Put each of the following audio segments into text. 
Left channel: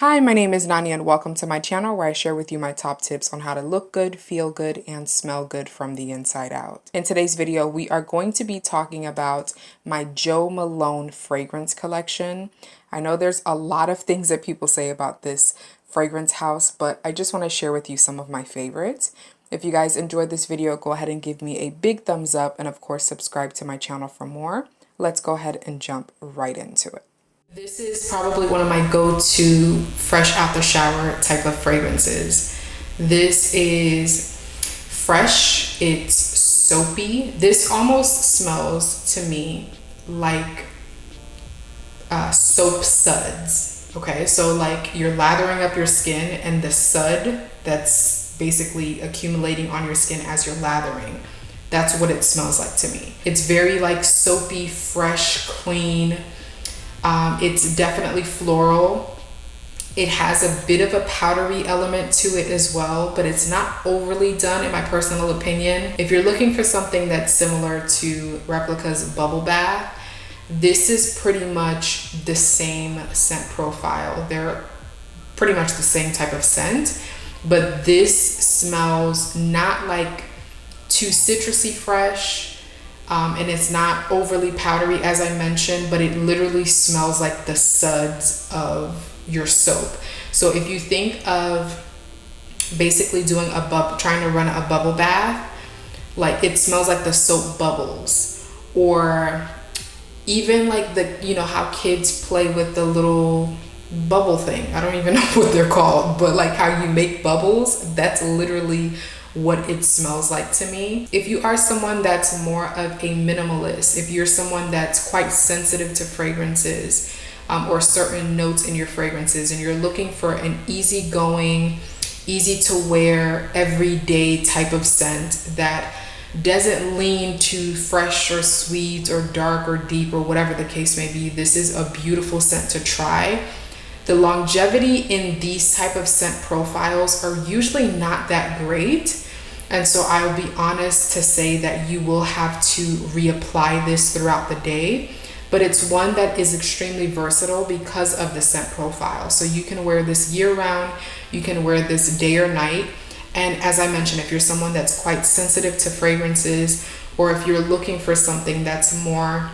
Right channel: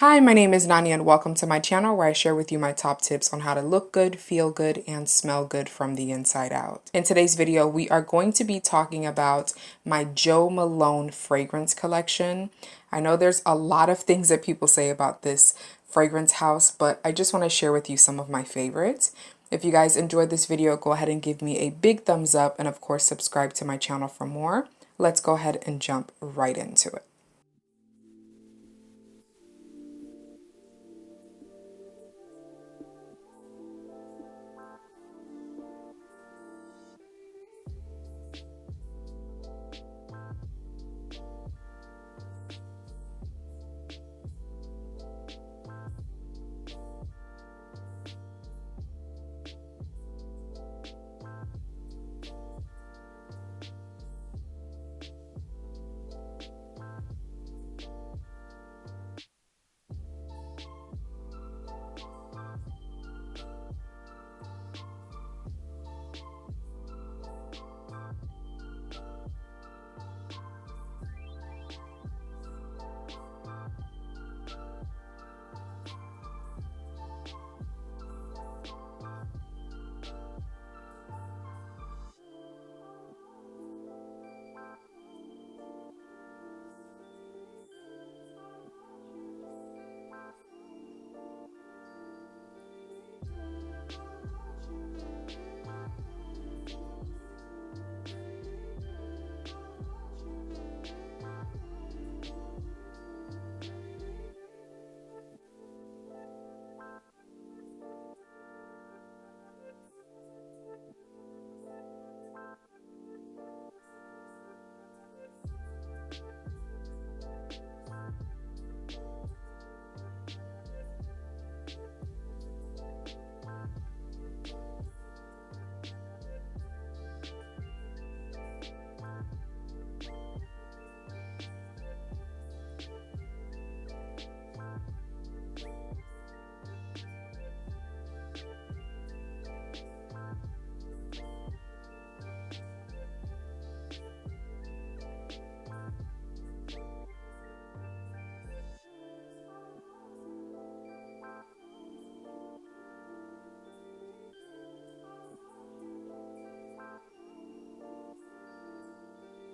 Hi, my name is Nani and welcome to my channel where I share with you my top tips on how to look good, feel good, and smell good from the inside out. In today's video, we are going to be talking about my Jo Malone fragrance collection. I know there's a lot of things that people say about this fragrance house, but I just want to share with you some of my favorites. If you guys enjoyed this video, go ahead and give me a big thumbs up and of course subscribe to my channel for more. Let's go ahead and jump right into it. This is probably one of my go-to fresh out the shower type of fragrances. This is fresh, it's soapy. This almost smells to me like soap suds. Okay, so like you're lathering up your skin and the sud that's basically accumulating on your skin as you're lathering. That's what it smells like to me. It's very like soapy, fresh, clean. It's definitely floral. It has a bit of a powdery element to it as well, but it's not overly done in my personal opinion. If you're looking for something that's similar to Replica's Bubble Bath, this is pretty much the same scent profile. They're pretty much the same type of scent, but this smells not like too citrusy fresh. And it's not overly powdery as I mentioned, but it literally smells like the suds of your soap. So if you think of basically doing trying to run a bubble bath, like it smells like the soap bubbles, or even like you know how kids play with the little bubble thing. I don't even know what they're called, but like how you make bubbles, that's literally what it smells like to me. If you are someone that's more of a minimalist, if you're someone that's quite sensitive to fragrances or certain notes in your fragrances, and you're looking for an easygoing, easy to wear, everyday type of scent that doesn't lean too fresh or sweet or dark or deep or whatever the case may be, this is a beautiful scent to try. The longevity in these type of scent profiles are usually not that great. And so I will be honest to say that you will have to reapply this throughout the day, but it's one that is extremely versatile because of the scent profile. So you can wear this year round, you can wear this day or night. And as I mentioned, if you're someone that's quite sensitive to fragrances, or if you're looking for something that's more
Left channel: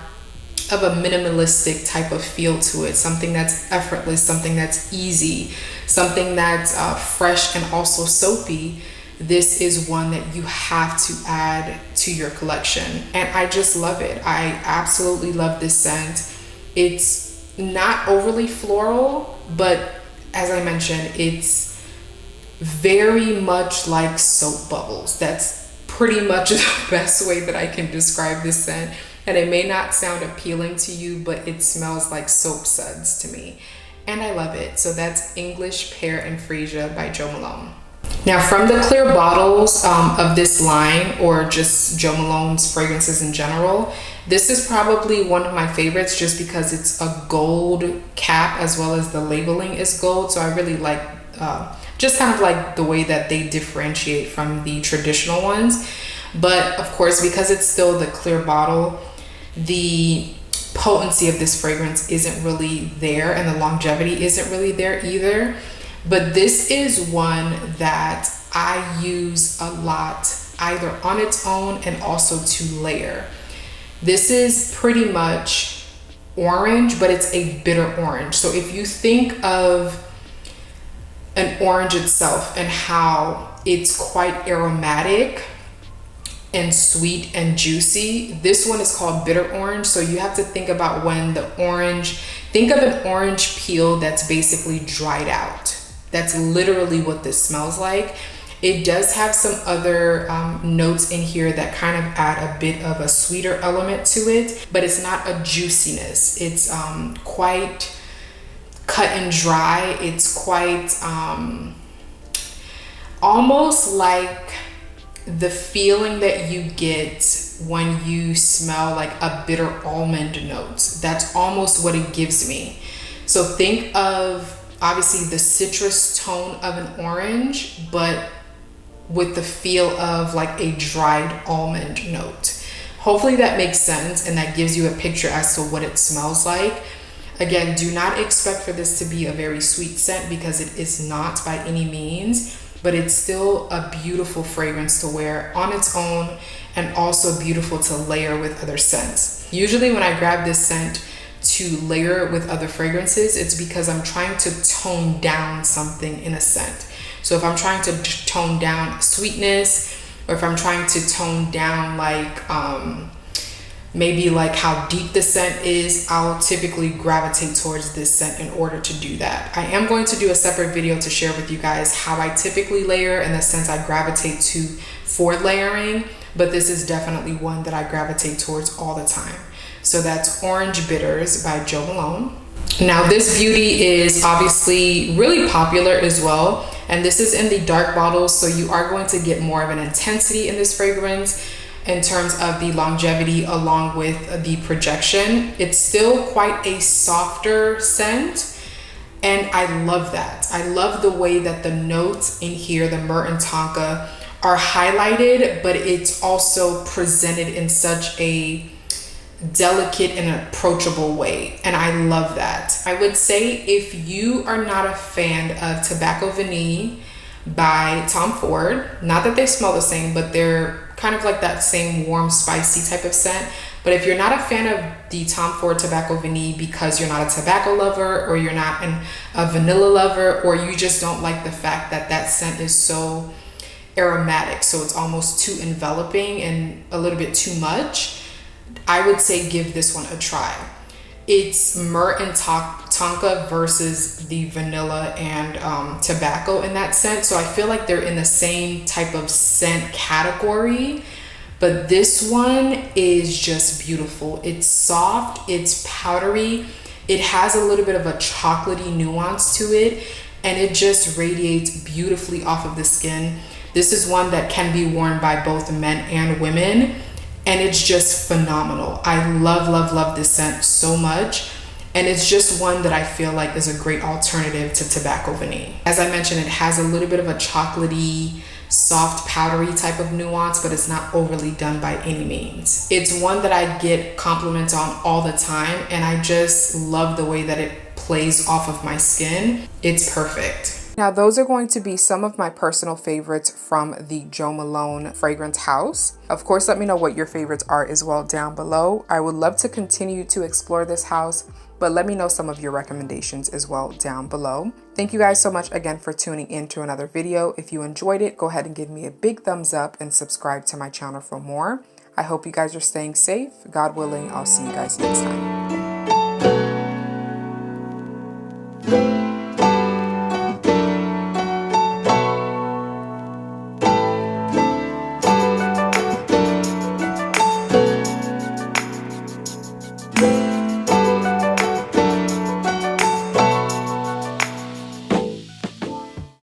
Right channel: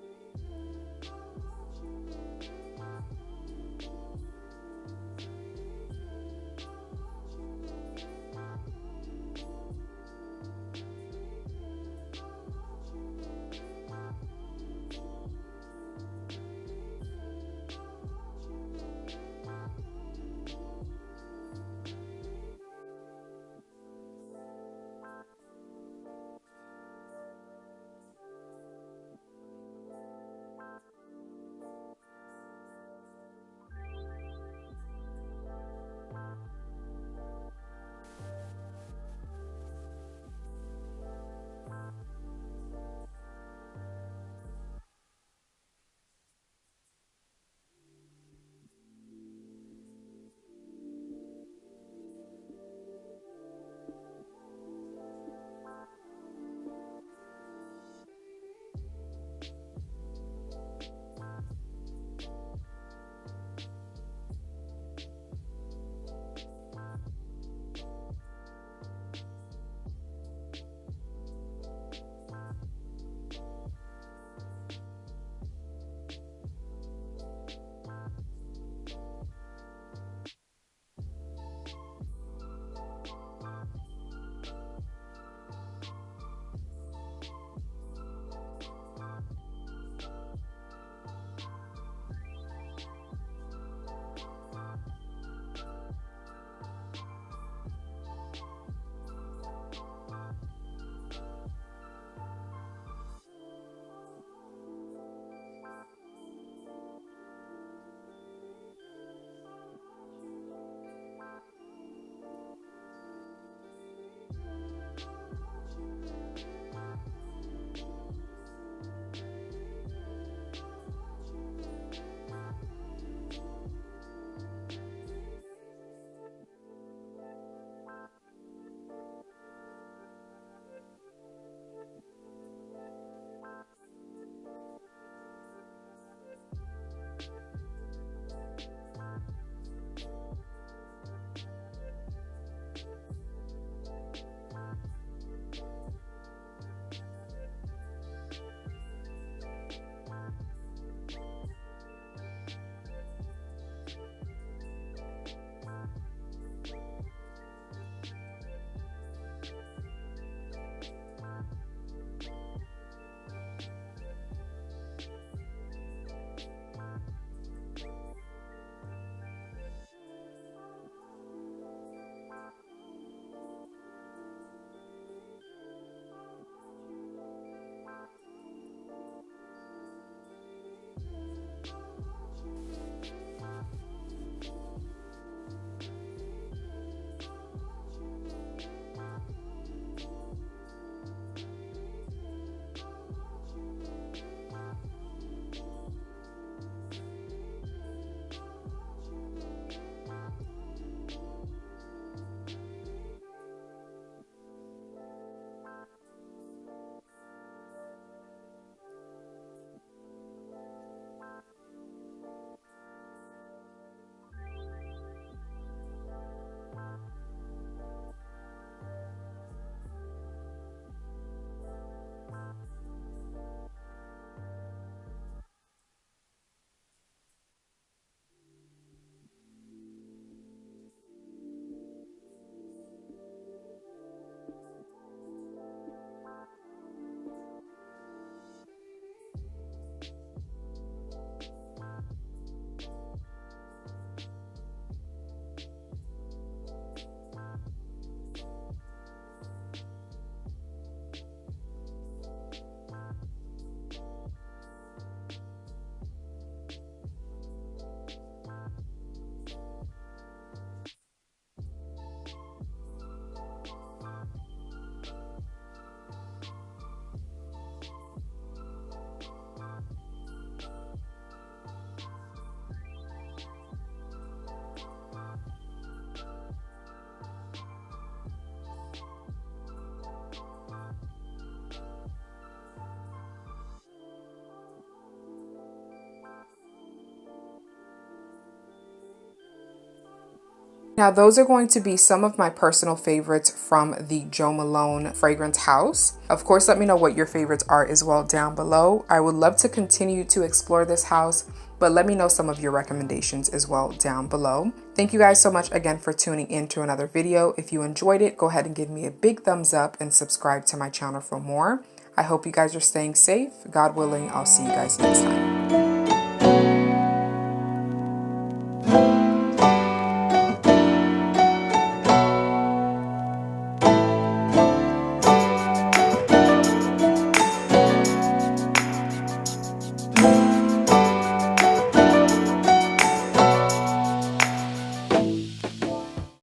of a minimalistic type of feel to it, something that's effortless, something that's easy, something that's fresh and also soapy, this is one that you have to add to your collection. And I just love it. I absolutely love this scent. It's not overly floral, but as I mentioned, it's very much like soap bubbles. That's pretty much the best way that I can describe this scent. And it may not sound appealing to you, but it smells like soap suds to me. And I love it. So that's English Pear and Freesia by Jo Malone. Now from the clear bottles of this line, or just Jo Malone's fragrances in general, this is probably one of my favorites just because it's a gold cap as well as the labeling is gold. So I really like just kind of like the way that they differentiate from the traditional ones. But of course, because it's still the clear bottle, the potency of this fragrance isn't really there, and the longevity isn't really there either. But this is one that I use a lot, either on its own and also to layer. This is pretty much orange, but it's a bitter orange. So if you think of an orange itself and how it's quite aromatic and sweet and juicy, this one is called bitter orange. So you have to think about when the orange, think of an orange peel that's basically dried out. That's literally what this smells like. It does have some other notes in here that kind of add a bit of a sweeter element to it, but it's not a juiciness. It's quite cut and dry. It's quite almost like the feeling that you get when you smell like a bitter almond note. That's almost what it gives me. So think of obviously the citrus tone of an orange, but with the feel of like a dried almond note. Hopefully that makes sense and that gives you a picture as to what it smells like. Again, do not expect for this to be a very sweet scent because it is not by any means, but it's still a beautiful fragrance to wear on its own and also beautiful to layer with other scents. Usually when I grab this scent to layer it with other fragrances, it's because I'm trying to tone down something in a scent. So if I'm trying to tone down sweetness, or if I'm trying to tone down like maybe like how deep the scent is, I'll typically gravitate towards this scent in order to do that. I am going to do a separate video to share with you guys how I typically layer and the scents I gravitate to for layering, but this is definitely one that I gravitate towards all the time. So that's Orange Bitters by Jo Malone. Now this beauty is obviously really popular as well, and this is in the dark bottles, so you are going to get more of an intensity in this fragrance in terms of the longevity along with the projection. It's still quite a softer scent, and I love that. I love the way that the notes in here, the myrrh and tonka, are highlighted, but it's also presented in such a delicate and approachable way, and I love that. I would say if you are not a fan of Tobacco Vanille by Tom Ford, not that they smell the same, but they're kind of like that same warm, spicy type of scent. But if you're not a fan of the Tom Ford Tobacco Vanille because you're not a tobacco lover, or you're not a vanilla lover, or you just don't like the fact that that scent is so aromatic, so it's almost too enveloping and a little bit too much, I would say give this one a try. It's myrrh and tonka versus the vanilla and tobacco in that scent. So I feel like they're in the same type of scent category, but this one is just beautiful. It's soft, it's powdery, it has a little bit of a chocolatey nuance to it, and it just radiates beautifully off of the skin. This is one that can be worn by both men and women, and it's just phenomenal. I love, love, love this scent so much. And it's just one that I feel like is a great alternative to Tobacco Vanille. As I mentioned, it has a little bit of a chocolatey, soft, powdery type of nuance, but it's not overly done by any means. It's one that I get compliments on all the time, and I just love the way that it plays off of my skin. It's perfect. Now, those are going to be some of my personal favorites from the Jo Malone fragrance house. Of course, let me know what your favorites are as well down below. I would love to continue to explore this house, but let me know some of your recommendations as well down below. Thank you guys so much again for tuning in to another video. If you enjoyed it, go ahead and give me a big thumbs up and subscribe to my channel for more. I hope you guys are staying safe. God willing, I'll see you guys next time.